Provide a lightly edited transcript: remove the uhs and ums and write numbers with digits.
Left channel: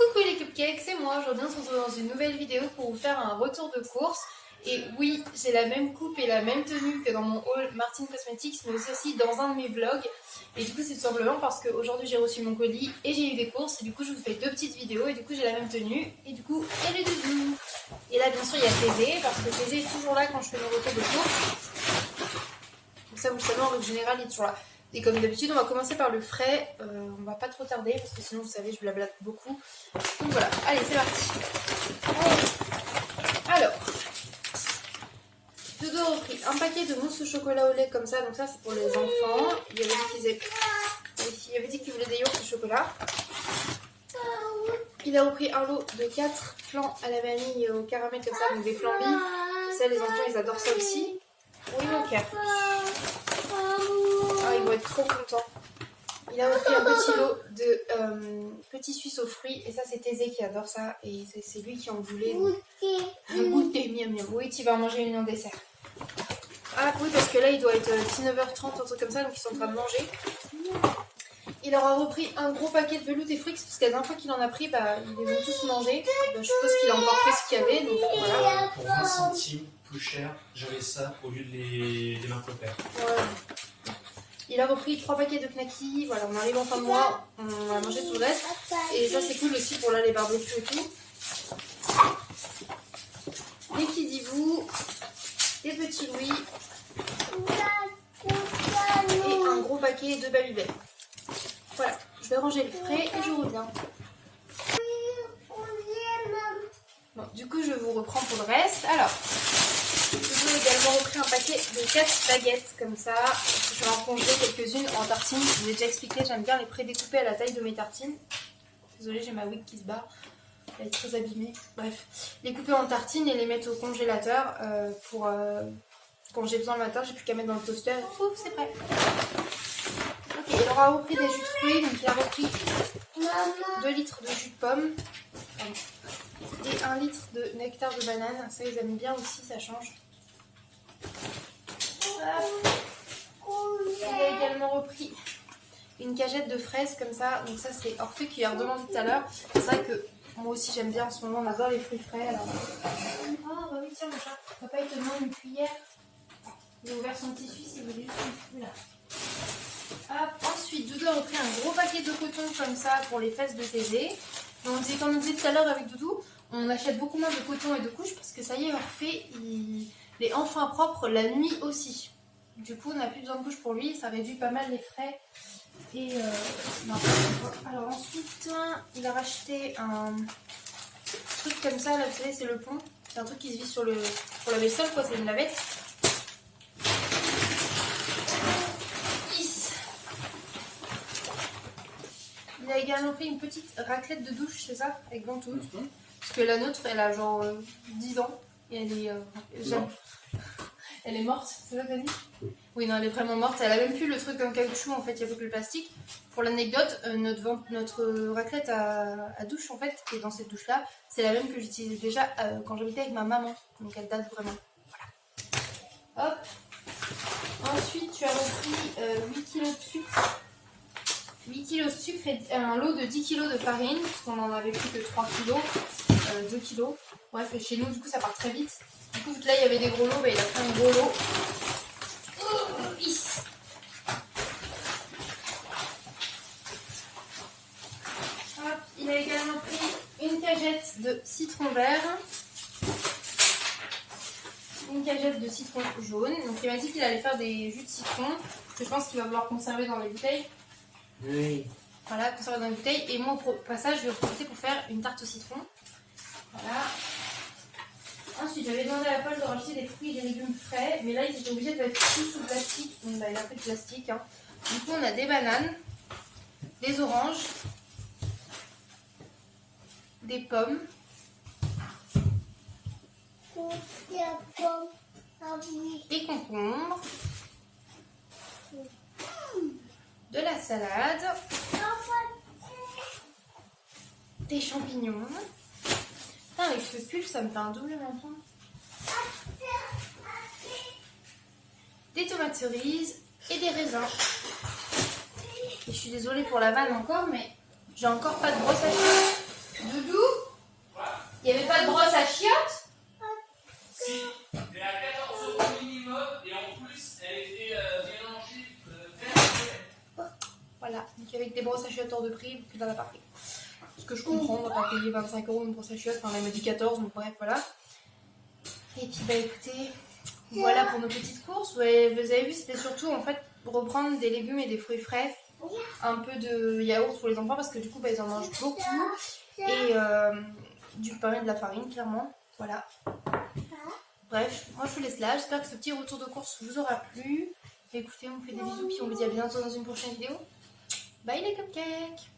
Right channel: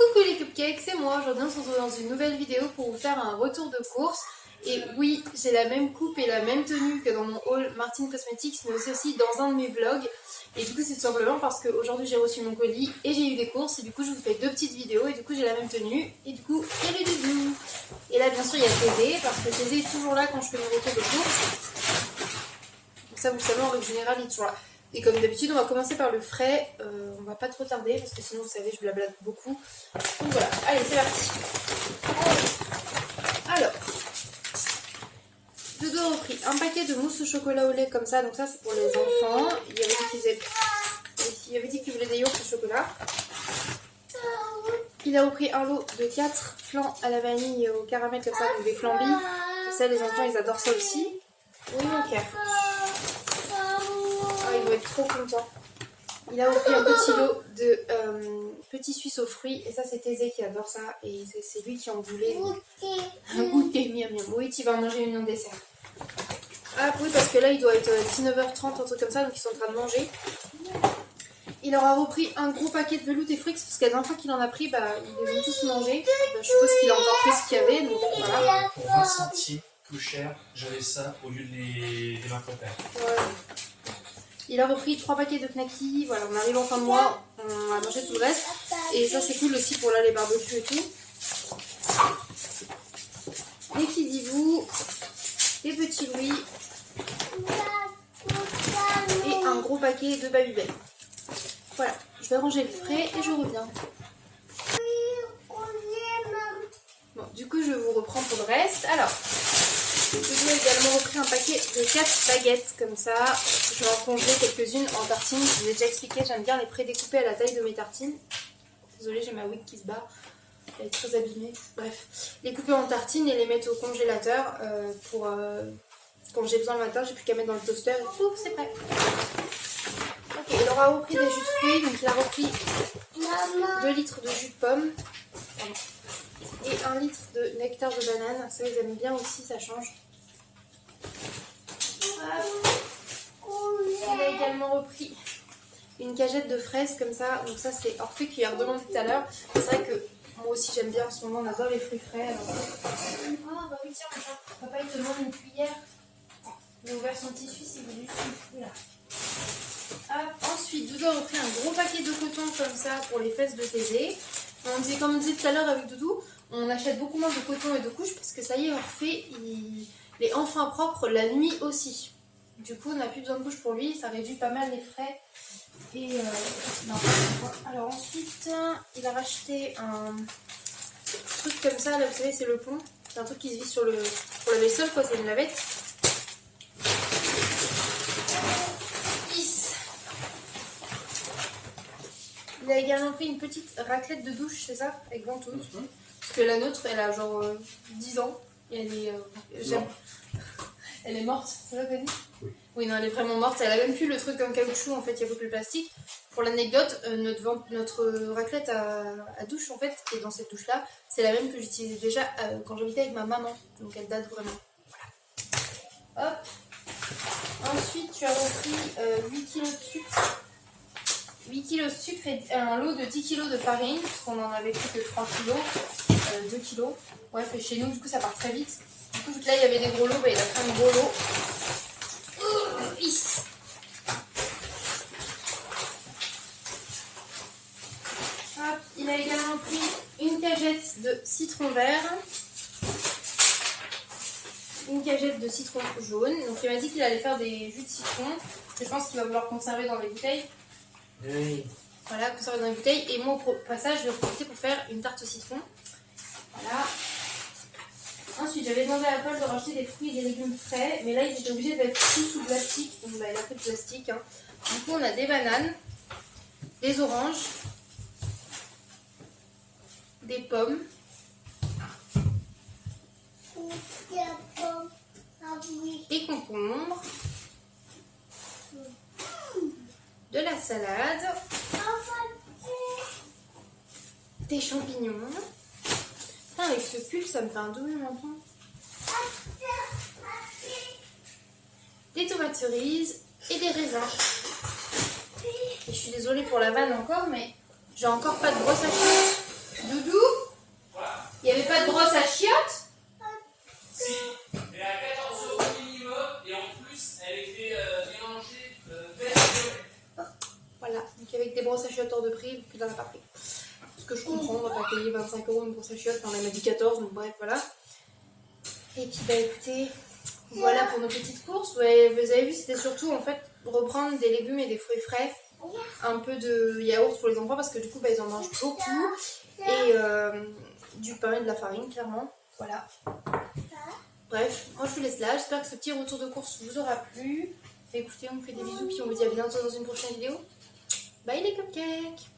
Coucou les cupcakes, c'est moi. Aujourd'hui on se retrouve dans une nouvelle vidéo pour vous faire un retour de course. Et oui, j'ai la même coupe et la même tenue que dans mon haul Martin Cosmetics, mais aussi dans un de mes vlogs. Et du coup c'est tout simplement parce qu'aujourd'hui j'ai reçu mon colis et j'ai eu des courses. Et du coup je vous fais deux petites vidéos et du coup j'ai la même tenue. Et du coup il y a les doudous. Et là bien sûr il y a Thésée, parce que Thésée est toujours là quand je fais mon retour de course. Donc ça vous le savez, en règle générale il est toujours là. Et comme d'habitude, on va commencer par le frais. On va pas trop tarder parce que sinon, vous savez, je blablate beaucoup. Donc voilà, allez, c'est parti. Alors, Dodo a repris un paquet de mousse au chocolat au lait comme ça. Donc ça, c'est pour les enfants. Il avait dit qu'il voulait des yaourts au chocolat. Il a repris un lot de 4 flans à la vanille et au caramel comme ça, donc des flambis. Ça, les enfants, ils adorent ça aussi. Oui, mon cœur. Ils vont être trop contents. Il a repris un petit lot de petits suisses aux fruits. Et ça, c'est Thésée qui adore ça. Et c'est lui qui en voulait. Goûter, miam miam. Oui, tu vas en manger une en dessert. Ah oui, parce que là, il doit être 19h30, un truc comme ça. Donc, ils sont en train de manger. Il aura repris un gros paquet de veloute et fruits. Parce que la dernière fois qu'il en a pris, ils les ont tous mangés. Je suppose qu'il a encore pris ce qu'il y avait. Donc, voilà. Pour 20 centimes plus cher, j'avais ça au lieu de les Macopaires. Ouais. Il a repris 3 paquets de knackis. Voilà, on arrive en fin de mois, on a mangé tout le reste. Et ça, c'est cool aussi pour là les barbecues et tout. Des Kidibou, des petits Louis et un gros paquet de Babybel. Voilà, je vais ranger le frais et je reviens. Bon, du coup, je vous reprends pour le reste. Alors, je vais également repris un paquet de 4 baguettes comme ça. Je vais en congeler quelques-unes en tartines. Je vous ai déjà expliqué, j'aime bien les prédécouper à la taille de mes tartines. Désolée, j'ai ma wig qui se barre. Elle est très abîmée. Bref, les couper en tartines et les mettre au congélateur pour quand j'ai besoin le matin. J'ai plus qu'à mettre dans le toaster. Ouf, c'est prêt. Ok, il aura repris des jus de fruits. Donc il a repris 2 litres de jus de pomme. Pardon. Et 1 litre de nectar de banane. Ça, ils aiment bien aussi, ça change. Il a également repris une cagette de fraises comme ça. Donc ça, c'est Orphée qui a redemandé tout à l'heure. C'est vrai que moi aussi, j'aime bien en ce moment. On adore les fruits frais. Alors... Ah bah oui, tiens, mon chat. Papa, il te demande une cuillère. Il a ouvert son petit suisse, il veut juste une cuillère. Ensuite, Doudou a repris un gros paquet de coton comme ça pour les fesses de Thésée. Comme on disait tout à l'heure avec Doudou, on achète beaucoup moins de coton et de couches parce que ça y est, Orphée, il est enfin propre la nuit aussi. Du coup, on n'a plus besoin de couches pour lui, ça réduit pas mal les frais. Et alors ensuite, il a racheté un truc comme ça, là vous savez, c'est le pont. C'est un truc qui se visse pour la vaisselle, quoi, c'est une lavette. Il a également pris une petite raclette de douche, c'est ça, avec ventouse. Parce que la nôtre, elle a genre 10 ans. Et elle est... elle est morte, c'est ça que t'as dit? Oui, non, elle est vraiment morte. Elle a même plus le truc en caoutchouc, en fait, il n'y a que le plastique. Pour l'anecdote, notre raclette à douche, en fait, qui est dans cette douche-là, c'est la même que j'utilisais déjà quand j'habitais avec ma maman. Donc elle date vraiment. Voilà. Hop. Ensuite, tu as repris 8 kg de sucre. 8 kg de sucre et un lot de 10 kg de farine, parce qu'on en avait plus que 3 kg, 2 kg. Bref, et chez nous, du coup, ça part très vite. Du coup, là, il y avait des gros lots, il a pris un gros lot. Il a également pris une cagette de citron vert, une cagette de citron jaune. Donc, il m'a dit qu'il allait faire des jus de citron, que je pense qu'il va vouloir conserver dans les bouteilles. Oui. Voilà, conservé dans les bouteilles. Et moi, au passage, je vais profiter pour faire une tarte au citron. Voilà. Ensuite, j'avais demandé à Paul de racheter des fruits et des légumes frais. Mais là, ils étaient obligés d'être tous sous plastique. Donc, il a pris de plastique. Hein. Du coup, on a des bananes, des oranges, des pommes. Des concombres. De la salade, des champignons. Putain, avec ce pull, ça me fait un double menton. Des tomates cerises et des raisins. Et je suis désolée pour la vanne encore, mais j'ai encore pas de brosse à cheveux. Doudou, il n'y avait pas de brosse à chiottes? Si, elle a 14 € minimum et en plus elle était mélangée vert et violet. Voilà, donc avec des brosses à chiottes hors de prix, puis dans la pas pris. Ce que je comprends, on va pas payer 25 € une brosse à chiottes, enfin elle m'a dit 14, donc bref, voilà. Et puis bah écoutez, voilà pour nos petites courses. Ouais, vous avez vu, c'était surtout en fait reprendre des légumes et des fruits frais, un peu de yaourt pour les enfants parce que du coup bah, ils en mangent beaucoup, et du pain et de la farine clairement, voilà. Bref, moi je vous laisse là, j'espère que ce petit retour de course vous aura plu. Écoutez, on vous fait des bisous, puis on vous dit à bientôt dans une prochaine vidéo. Bye les cupcakes!